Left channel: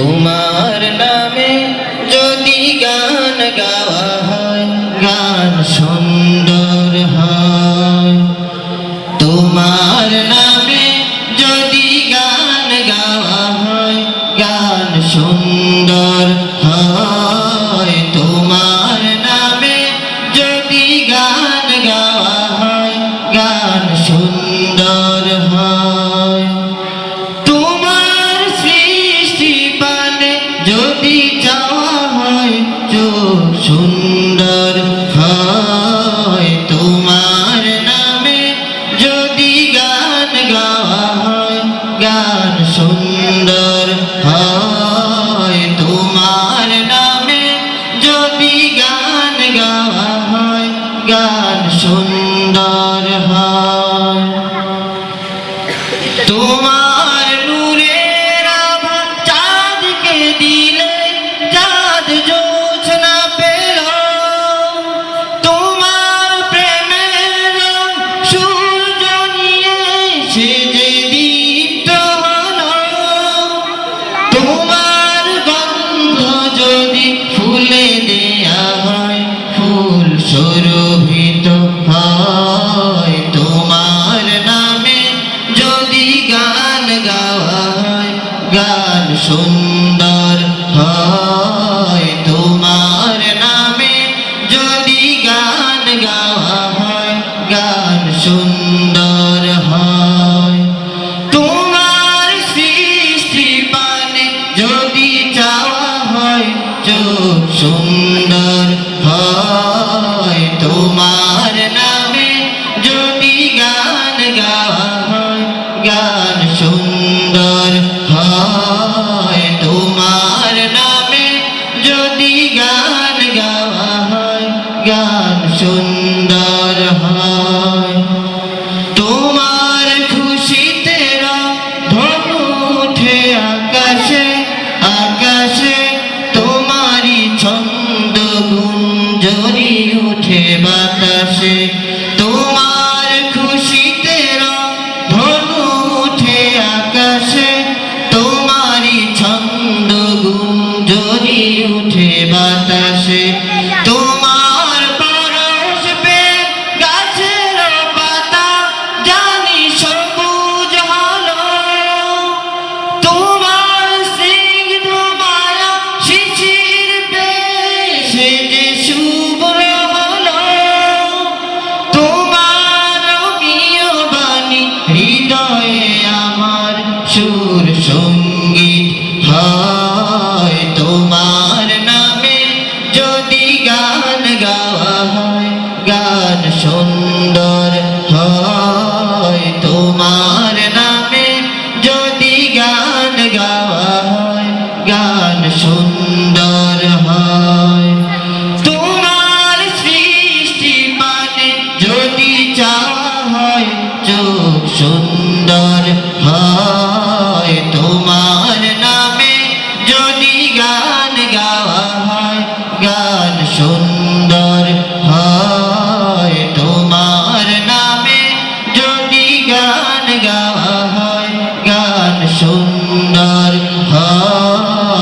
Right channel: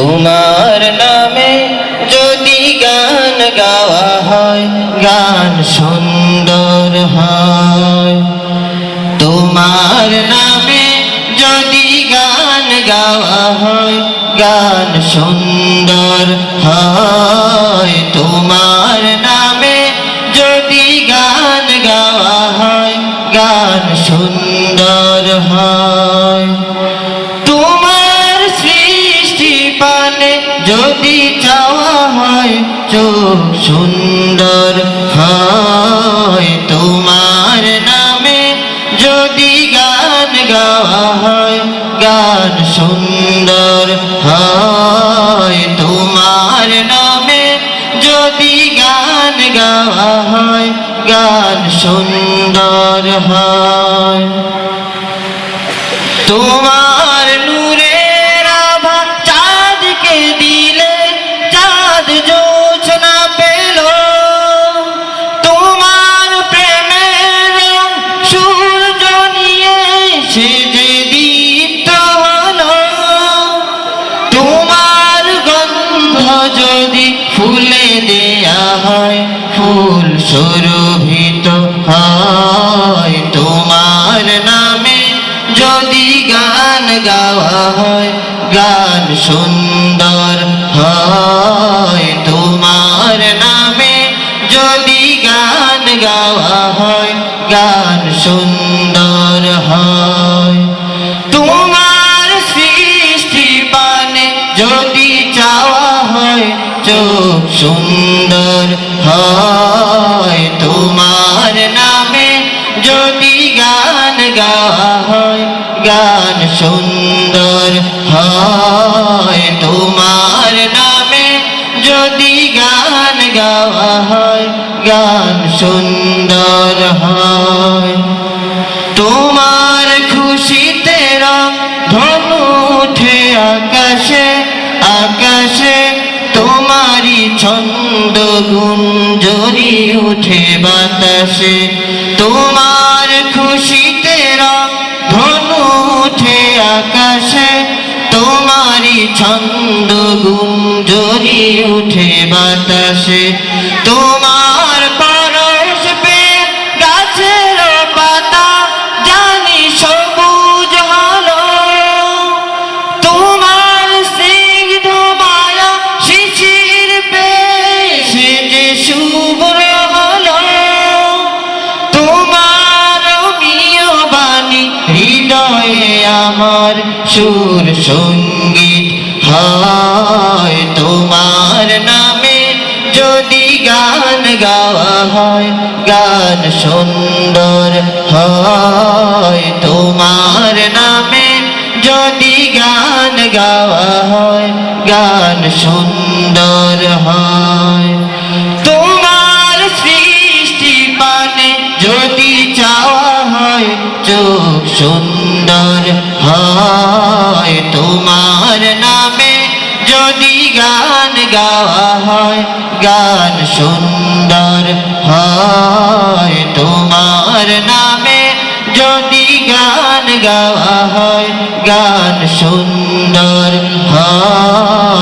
তোমার নামে যদি গান গাওয়া হয় গান সুন্দর হয়। তোমার নামে যদি গান গাওয়া হয় গান সুন্দর হয়। তোমার নামে যদি গান গাওয়া হয় গান সুন্দর হয়। তোমার সৃষ্টি পানে যদি চাওয়া হয় চোখ সুন্দর হয়। তোমার নামে যদি গান গাওয়া হয় গান সুন্দর হয়। তোমার নামে যদি গান গাওয়া হয় গান সুন্দর হয়। তোমার নূরের আভা চাঁদকে দিলে চাঁদ জোছনা পেল। তোমার প্রেমের রং সূর্য নিয়ে সে যে দীপ্ত হলো। তোমার গন্ধ যদি ফুলে দেয়া হয় ফুল সুরভিত হয়। তোমার নামে যদি গান গাওয়া হয় গান সুন্দর হয়। তোমার নামে যদি গান গাওয়া হয় গান সুন্দর হয়। তোমার সৃষ্টি পানে যদি চাওয়া হয় চোখ সুন্দর হয়। তোমার নামে যদি গান গাওয়া হয় গান সুন্দর হয়। তোমার নামে যদি গান গাওয়া হয় গান সুন্দর হয়। তোমার খুশিতে রং ধনু ওঠে আকাশে আকাশে। তোমারই ছন্দ গুঞ্জরি ওঠে বাতাসে। তোমার খুশিতে রং ধনু ওঠে আকাশে। তোমারই ছন্দ গুঞ্জরি ওঠে বাতাসে। তোমার পরশ পেয়ে গাছের পাতা জানি সবুজ হলো। তোমার স্নিগ্ধ মায়া শিশির পেয়ে সে যে শুভ্র হলো। তোমার প্রিয় বাণী হৃদয়ে আমার সুর সঙ্গীত হয়। তোমার নামে যদি গান গাওয়া হয় গান সুন্দর হয়। তোমার নামে যদি গান গাওয়া হয় গান সুন্দর হয়। তোমার সৃষ্টি পানে যদি চাওয়া হয় চোখ সুন্দর হয়। তোমার নামে যদি গান গাওয়া হয় গান সুন্দর হয়। তোমার নামে যদি গান গাওয়া হয় গান সুন্দর হয়।